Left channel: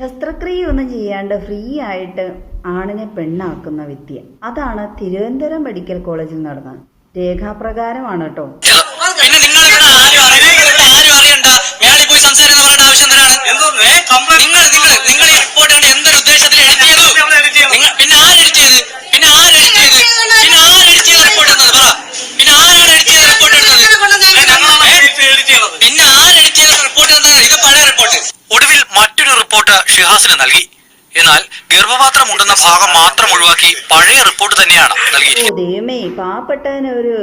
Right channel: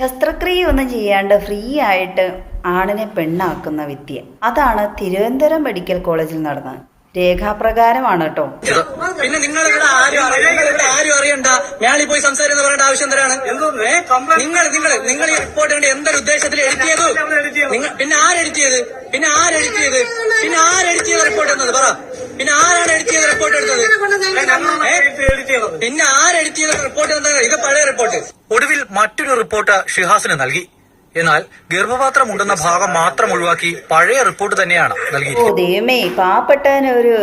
ശസ്ത്രക്രിയ ഒന്നും ചെയ്യാണ്ട് ഫ്രീ ആയിട്ട് ആണിനെ പെണ്ണാക്കുന്ന വിദ്യ. അതാണ് തിരുവനന്തപുരം മെഡിക്കൽ കോളേജിൽ നടന്നത്. രേഖാപ്രകാരമാണ് കേട്ടോ. പിന്നെ നിങ്ങൾ ഇവിടെ ആരും അറിയണ്ട, മേളിൽ പോയി സംസാരിക്കുന്ന പറയേണ്ട ആവശ്യം എന്തിനാണ്? നിങ്ങൾ ഈ റിപ്പോർട്ട് കണ്ട് എന്തൊരു ഉദ്ദേശത്തിൽ എഡിറ്റ് ചെയ്തു? പിന്നെ ആര് എഡിറ്റ് ചെയ്ത്? പിന്നെ ആര് എഡിറ്റ് ചെയ്ത് റിപ്പോർട്ട് എന്നത് പറ. പിന്നെ ആരാണ് എഡിറ്റ് ചെയ്ത റിപ്പോർട്ട് എടുത്തത്? പിന്നെ ആര് എഡിറ്റ് ചെയ്ത റിപ്പോർട്ട് എന്നത്? ഇത് പഴയ റിപ്പോർട്ട്. ഒടുവിൽ മറ്റൊരു റിപ്പോർട്ട് ഷിഹാസിന് നൽകി. എന്നാൽ ഗർഭപാത്രം ഉണ്ടെന്ന ഭാഗം മാത്രം ഒഴിവാക്കി പഴയ റിപ്പോർട്ട് തന്നെയാണ് നൽകിയിരിക്കുന്നത്. ദൈവമേ, പാവപ്പെട്ടവനൊരു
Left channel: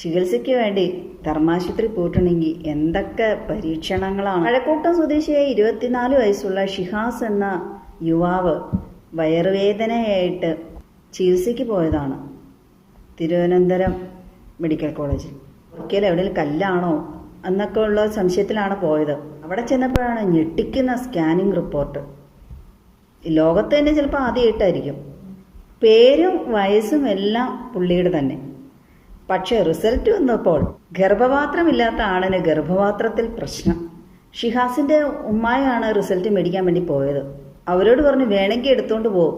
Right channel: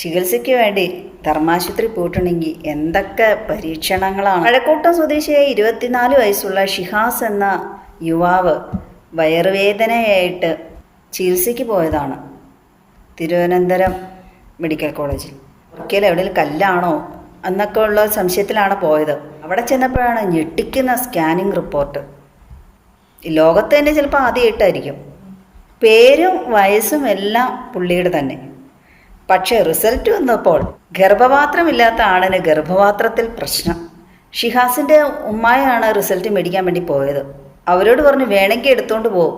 ചികിത്സയ്ക്ക് വേണ്ടി ധർമാശുപത്രി പോയിട്ടുണ്ടെങ്കിൽ എന്തൊക്കെ പരീക്ഷണങ്ങളാണ്. കഴക്കൂട്ടം സ്വദേശിയായ 24 വയസ്സുള്ള ഷിഹാസ് എന്ന യുവാവ് വയറുവേദനയായിട്ട് ചികിത്സയ്ക്ക് പോയതാണ് തിരുവനന്തപുരം മെഡിക്കൽ കോളേജിൽ. ഒരിക്കലും എവിടെയും കല്ലാണോ എന്നൊക്കെ ഉള്ള സംശയത്തിലാണ് പോയത്. അവിടെ ചെന്നപ്പോഴാണ് ഞെട്ടിക്കുന്ന സ്കാനിങ് റിപ്പോർട്ട്. ലോകത്ത് തന്നെ ചിലപ്പോൾ ആദ്യമായിട്ടായിരിക്കും. പേരും വയസ്സും എല്ലാം പുള്ളിയുടെ തന്നെ. പക്ഷേ റിസൾട്ട് വന്നപ്പോൾ ഗർഭപാത്രമില്ലാത്ത ആണിന് ഗർഭപാത്രത്തിൽ പ്രശ്നം. ഷിഹാസിൻ്റെ ഉമ്മായാണ് റിസൾട്ട് മേടിക്കാൻ വേണ്ടി പോയത്. അവരോട് പറഞ്ഞു വേണമെങ്കിൽ എടുത്തുകൊണ്ട് പോകും.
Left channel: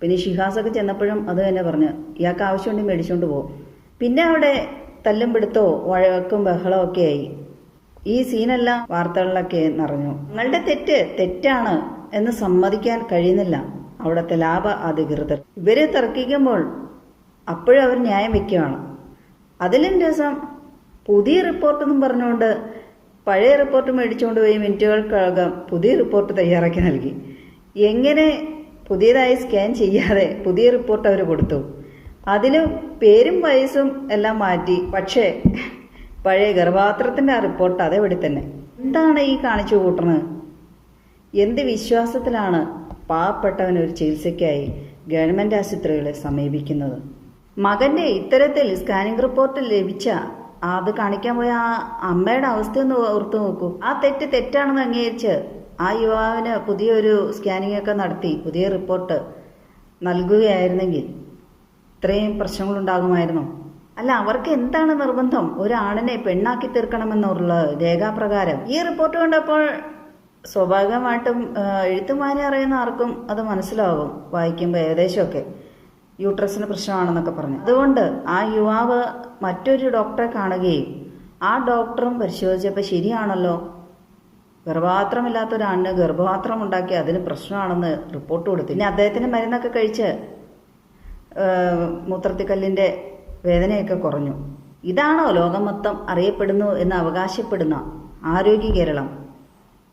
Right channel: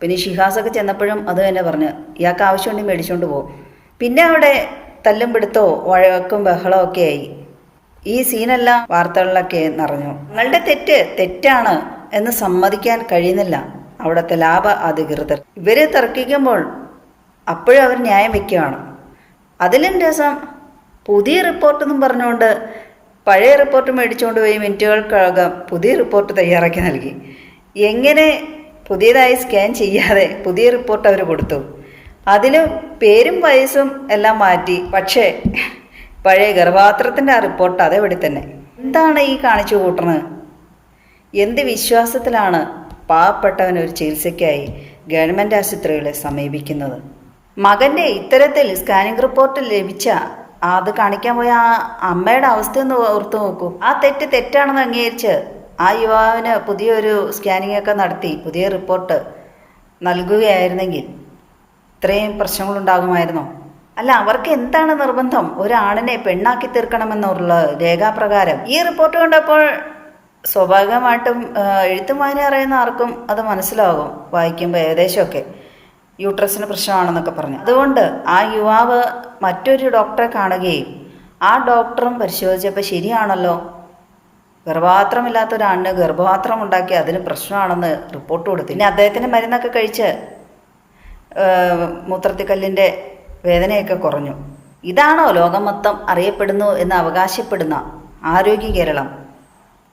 പിന്നെ ഷിഹാസൊക്കെ ചെന്നപ്പോഴും അത് തന്നെ പറഞ്ഞു ഇയാൾക്ക് ആവശ്യമുണ്ടെങ്കിൽ മേടിച്ചുകൊണ്ട് പോകും. പിന്നെ അവിടെ തല്ലും പിടുത്തോ വഴക്കും ബഹളവും ഒക്കെ ആയി. ഈ സീനെല്ലാം വാർത്തകളിലൊക്കെ നിറഞ്ഞു. നിങ്ങളുടെ തെറ്റാണ് എന്ന് സമ്മതിക്കാൻ കഴിയുന്നില്ല അവിടുത്തെ ലാഭ അധികൃതർ. ഇവർ തർക്കിക്കുമ്പോൾ അപ്പോഴും അവർ ന്യായം വയ്ക്കുകയാണ്. അതിലും രസം പുതിയ റിപ്പോർട്ടെന്നും പറഞ്ഞുകൊണ്ട് പഴയ റിപ്പോർട്ട് മേടിച്ചുകൊണ്ട് പോയി മിനിറ്റുകൾക്കകം പുതിയ റിപ്പോർട്ട് തയ്യാറാക്കി നൽകി. എങ്ങനെ പുതിയതായി സ്കാൻ ചെയ്യാതെ പുതിയ റിപ്പോർട്ട് അവർ കൊടുത്തു. അതിലും പേരും വയസ്സും എല്ലാം മാറ്റി. പക്ഷേ പഴയ ഗർഭപാത്രത്തിൻ്റെ ആ റിപ്പോർട്ട് അതേപടി തന്നെ. എന്താണ് ഈ കാണിച്ചു കൂട്ടുന്നത്? എന്ത് വിശ്വാസത്തിലാണ് പാവപ്പെട്ടവനൊരു ചികിത്സയ്ക്കായി ഗവൺമെൻറ് ആശുപത്രികളെ സമീപിക്കുന്നത്? മകൻ്റെ ഇത്തരത്തിൽ സ്കാനിങ് റിപ്പോർട്ട് ലഭിച്ച അത് കാണിക്കാൻ പോയ ആ അമ്മയുടെ അവസ്ഥയൊന്ന് ഓർത്തു നോക്കൂ. ആ തെറ്റാണെന്ന് അംഗീകരിച്ച് ആ യുവാവിന് പുതിയൊരു സ്കാനിങ് ഒക്കെ നടത്തി പുതിയ റിപ്പോർട്ട് നൽകുകയായിരുന്നെങ്കിൽ ഇത്രയും പ്രശ്നങ്ങളുണ്ടാകുമായിരുന്നോ? അല്ല, അവർക്ക് എന്താണ് നിർബന്ധം? ഒരാണിനെ പെണ്ണാക്കി തീർക്കണമെന്നുള്ള രേഖാപ്രകാരം. ഈ റിപ്പോർട്ട് കണ്ടപ്പോൾ സ്വാഭാവികമായിട്ടും എഴുത്തും വായന അറിയുന്ന ആർക്കും അത് മനസ്സിലാകും വായിക്കുമ്പോൾ ഏകദേശമൊക്കെ യൂട്രസിന് പ്രശ്നമാണെന്നൊക്കെ പറഞ്ഞു. അതുകൊണ്ട് ആ യുവാവ് മറ്റൊരു ഡോക്ടറെ കാണുകയും ആ ഡോക്ടറും പരിശോധിച്ചപ്പോൾ ശരിയാണല്ലോ, ഗർഭപാത്രമില്ലാത്ത ഒരാണിന് ഗർഭപാത്രം ഉണ്ടാക്കി അതിന് പ്രശ്നമാണെന്ന് റിപ്പോർട്ട് കൊടുത്തു. പിന്നെ അദ്ദേഹത്തിന് മരുന്നൊക്കെ കഴിച്ച് മൂത്രത്തിക്കല്ലിൻ്റെ വേദനയൊക്കെ കുറഞ്ഞു. ഇതാണോ ലോകം മൊത്തം അറിയപ്പെടുന്നു എന്ന് അവകാശപ്പെടുന്ന ആരോഗ്യ കേരളം?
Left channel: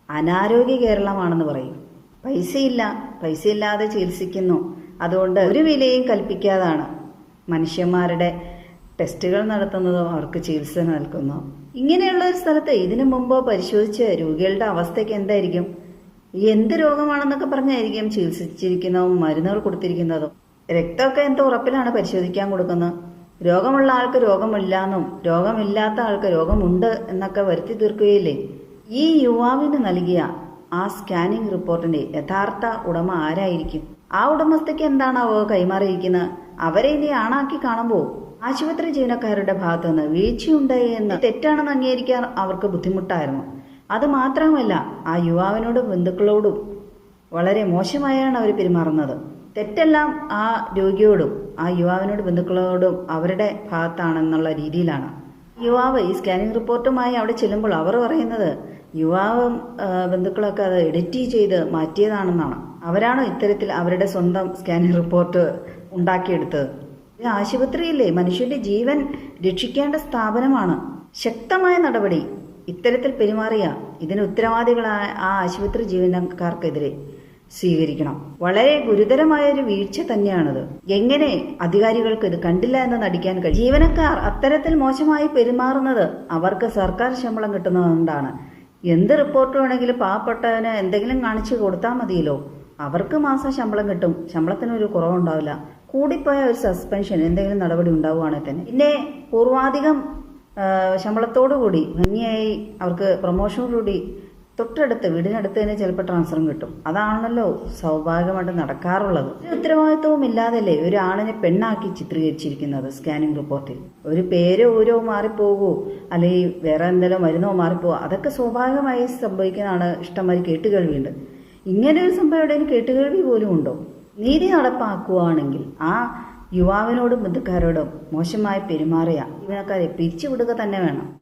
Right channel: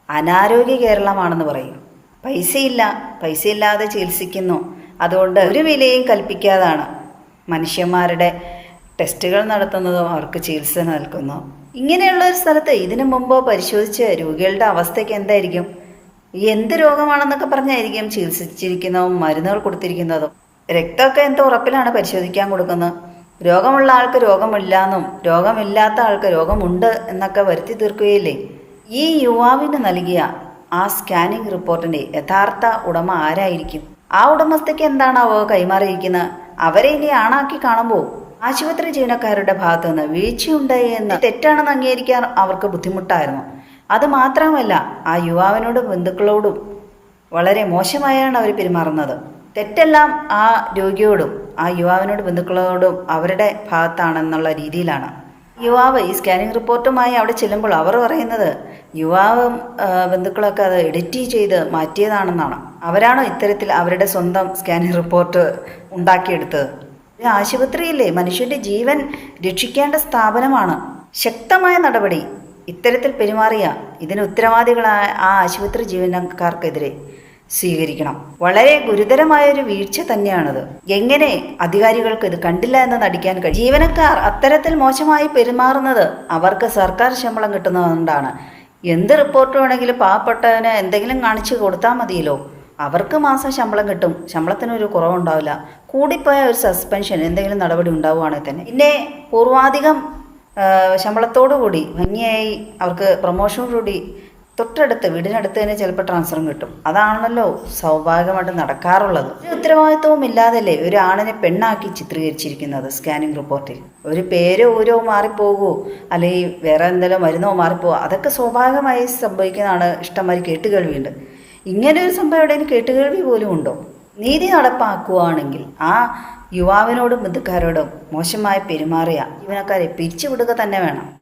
അനാരോഗ്യ കേരളമാണെന്ന് പറയും. പൈസയില്ലാതെ ചികിത്സിക്കുന്നു. അതുകൊണ്ട് ഒരു വിലയും കൽപ്പിക്കാതാണ് മനുഷ്യന്മാരുടെ ടെസ്റ്റുകൾ നടത്തുന്നതും അവർക്ക് ചികിത്സ നൽകുന്നു. ഇങ്ങനെയുള്ളൊരു സ്ഥലത്ത് ഇതിനു മുമ്പോ പരിശോധിച്ച് രോഗികളുടെ അവസ്ഥയ്ക്ക് എന്തായിരിക്കും? എന്ത് രോഗമാണെന്നൊക്കെ പറഞ്ഞായിരിക്കും ചികിത്സിച്ചിരിക്കുന്നതും മരുന്നുകൾ കൊടുത്തിരിക്കുന്നതും. രക്തമൊക്കെ എന്ത് ഉറപ്പിലാണ് പരിശോധിക്കാൻ കൊടുക്കുന്നത്? രോഗമുള്ള ആൾക്ക് രോഗമില്ലാന്നും രോഗമില്ലാത്ത ആൾക്ക് രോഗമുണ്ട് എന്നൊക്കെ വരുത്തി തീർക്കുകയില്ലേ? ഈ യുവാവിന് നൽകിയ ആ സ്കാനിങ് റിപ്പോർട്ടിൻ്റെ യഥാർത്ഥ ഉടമ ആരായിരിക്കും? ആ ഉടമസ്ഥയ്ക്ക് എന്താണാവോ കൈമാറിയിരിക്കുന്നത്? അവരെ ഇനി ആണാക്കി കാണുമ്പോൾ ആശുപത്രി ജീവനക്കാരുടെ ഭാഗത്തു നിന്ന് വീഴ്ചയുണ്ടായി എന്ന് തെറ്റാണെന്ന് അംഗീകരിക്കാൻ അവർക്ക് ബുദ്ധിമുട്ടായിരുന്നു. അതുമാത്രമല്ല, ആ യുവാവിനോടും ബന്ധുക്കളോടും വളരെ മോശമായാണ് അവർ പെരുമാറുന്നത്. തെറ്റെല്ലാം ആ രോഗിയോടും ആ യുവാവിനോട് ബന്ധുക്കളോടും അവരുടെ ഭാഗത്താണെന്നുള്ള രീതിയിലാണ്. യുവാവ് ഈ സ്കാനിങ് റിപ്പോർട്ടുമായി അവിടെ ചെല്ലുമ്പോൾ അവർ പറയുന്നത് യുവാവും ബന്ധുക്കളൊക്കെ അത് എഡിറ്റ് ചെയ്ത് മാറ്റിയതാണെന്നാണ്. അവരാണോ ഇത്തരത്തിൽ അവരുടെ സ്വന്തം സ്കാനിങ് റിപ്പോർട്ട് ഉണ്ടാക്കിയെടുത്തത്? ആശുപത്രിയില്ലേ, മനുഷ്യൻ്റെ ജീവൻ രക്ഷിക്കേണ്ട സ്ഥാപനമാണ്. ശക്തമായ നടപടി ഇത്തരത്തിൽ പെരുമാറിയ ഇതിന് ഉത്തരവാദികളായ ആ ആശുപത്രി ജീവനക്കാർക്കെതിരെ സ്വീകരിക്കണം. വളരെ ഗുരുതരമായൊരു വീഴ്ച തന്നെയാണത്. എങ്ങനെ അധികാരികൾക്ക് ഇത് കണ്ടില്ല എന്ന് നടിക്കാൻ കഴിയും? ജീവനക്കാർ അത്തരത്തിൽ മോശമായി പെരുമാറുന്നത് അവർക്ക് സർക്കാർ ശമ്പളം കിട്ടുന്നതുകൊണ്ടാണ്. എന്ത് റിപ്പോർട്ട് വേണമെങ്കിലും പാവപ്പെട്ടവന് എന്തെങ്കിലും കാണിച്ചു കൊടുത്താൽ മതിയല്ലോ. അവർക്ക് മാസം ശമ്പളം കിട്ടും, ശമ്പളത്തിനൊരു കുറവുണ്ടാവില്ല. കൂടിപ്പോയ ഒരു സസ്പെൻഷൻ എന്തെങ്കിലും നടപടി ഉണ്ടാവുകയാണെങ്കിൽ തന്നെ പിന്നെ പൂർവാധികം ശമ്പളത്തോടു കൂടി ഭംഗിയായി അവർക്ക് പ്രൊമോഷനോടുകൂടി തൊട്ടടുത്ത് വീടിനടുത്ത് തന്നെ ചിലപ്പോൾ ട്രാൻസ്ഫറും കിട്ടും. അതാണല്ലോ സ്വാഭാവികമായിട്ട് നടക്കാറുള്ളത്. ഒരു ഉത്തരവാദിത്വവും ഇല്ലാതല്ലേ ഒരു ആണിനെ പെണ്ണാക്കി ചിത്രീകരിച്ചിരിക്കുന്നത് സ്കാനിങ് റിപ്പോർട്ടിൽ. ഒരു പേരോ ഊരോ മാറിപ്പോകുമോ അല്ലെങ്കിൽ വേറെ എന്തെങ്കിലും മരുന്നോ മാറിപ്പോകുമോ, അതൊക്കെ സ്വാഭാവികമായി സംഭവിക്കുന്നതാണ്. ഇഷ്ടംമാതിരി കേട്ടുകേൾവിയുണ്ട്. ഇങ്ങനെ ഒരു സംഭവം എവിടെയും കേട്ടുകേൾവി പോലും ഉണ്ടോ? നീതി നടപ്പാക്കുകയാണെങ്കിൽ ആ യുവാവിനോടും ബന്ധുക്കാരോടും മോശമായി പെരുമാറിയ ജീവനക്കാരെ പിരിച്ചുവിടുക തന്നെ വേണം.